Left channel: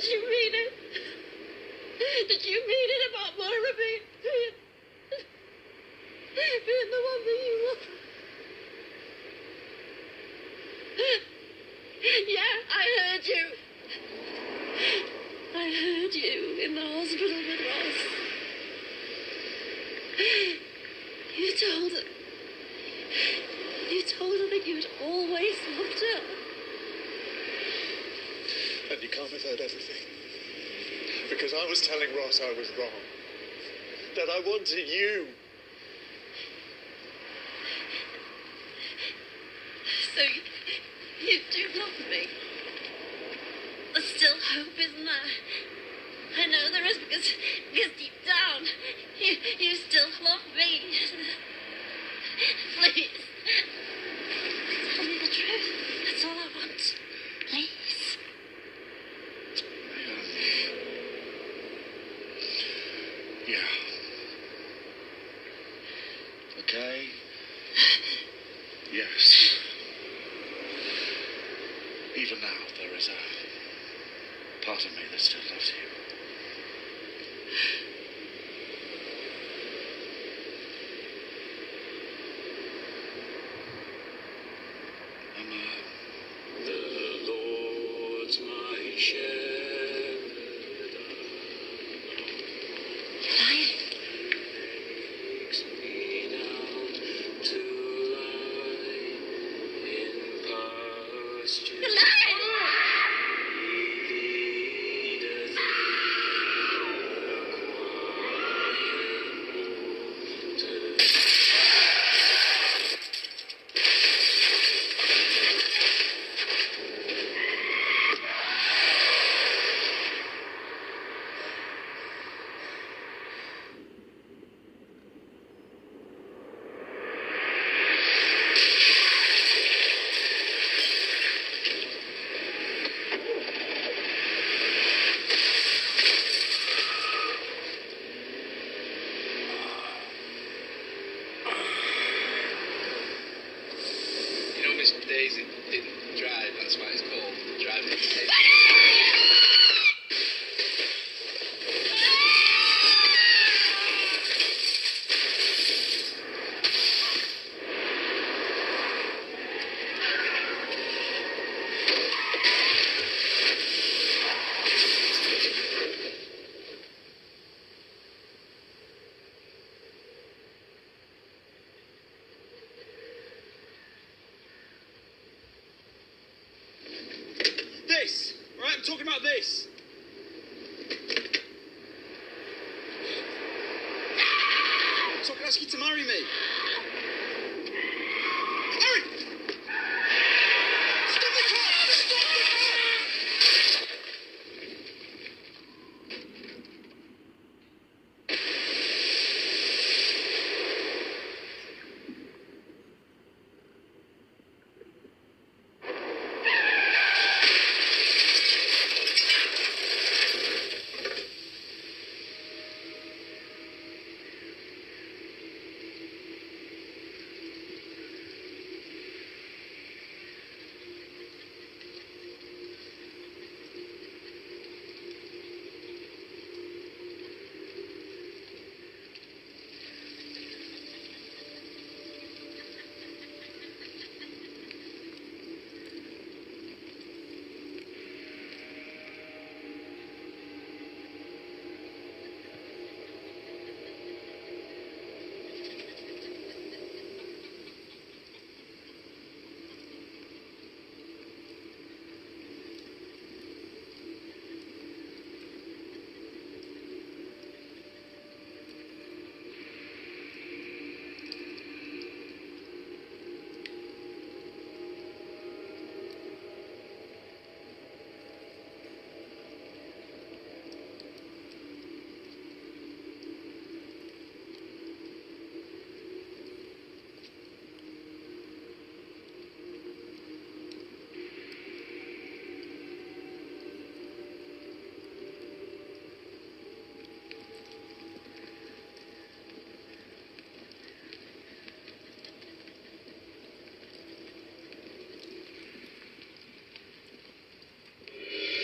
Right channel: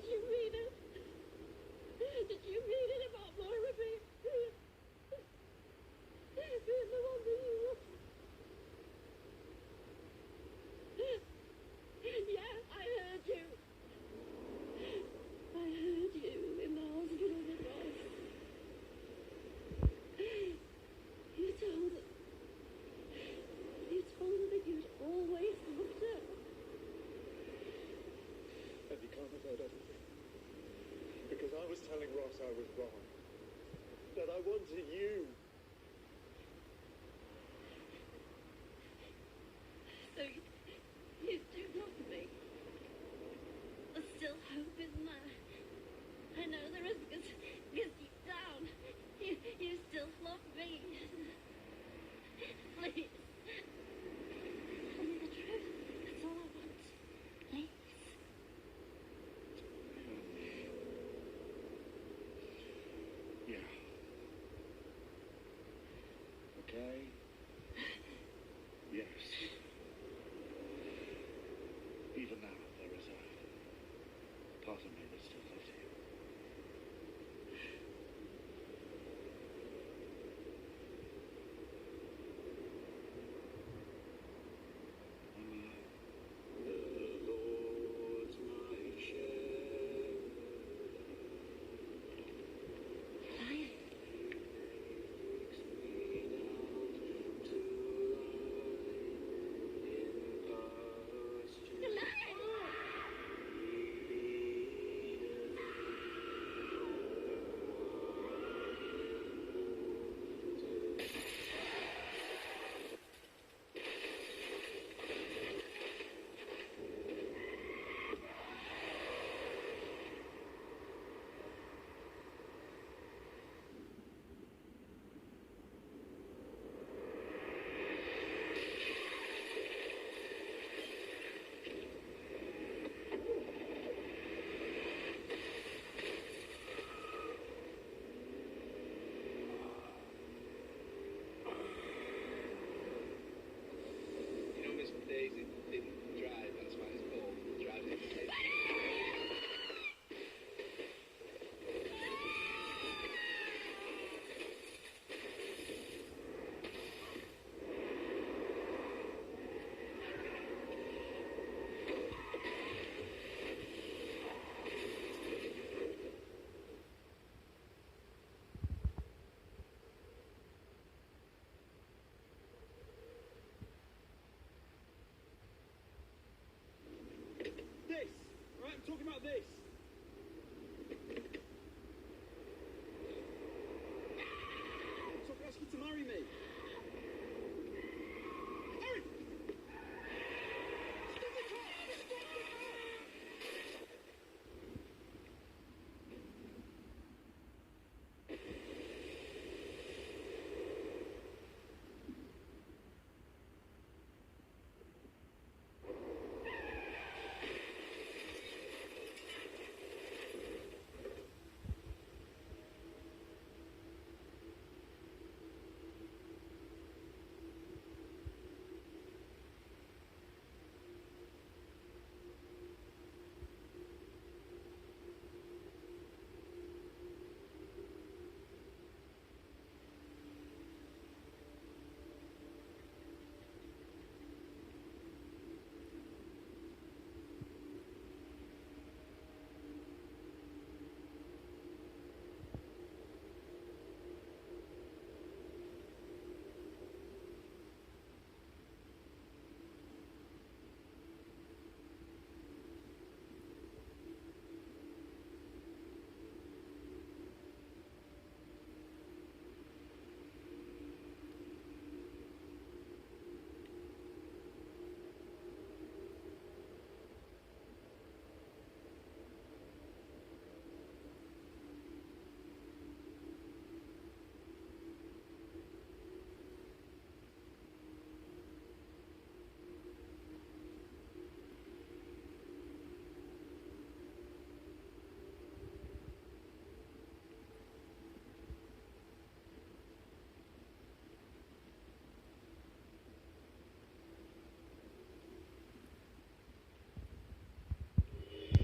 Did you mean it? Did you mean it about Moira being the one that you love? Yeah, I heard you. I heard you in the hospital with Ross. You told her. You told her that you'd always loved her. And you can't have heard everything. Because I was telling Ross I was wrong. That I wanted you. So you do love me? There's still hope, isn't there? I know there is because deep down, you still love me. Please. Tell me the truth. That's all I want. Please. Yeah. Okay. Yes. Even now, there is a part of me that still loves you. The Lord's my shepherd. Takes me down to lie in pastures. Miss Daisy didn't drive, that's why it's called driving. This! Alright, I'm talking about this! So I can ask you to marry me.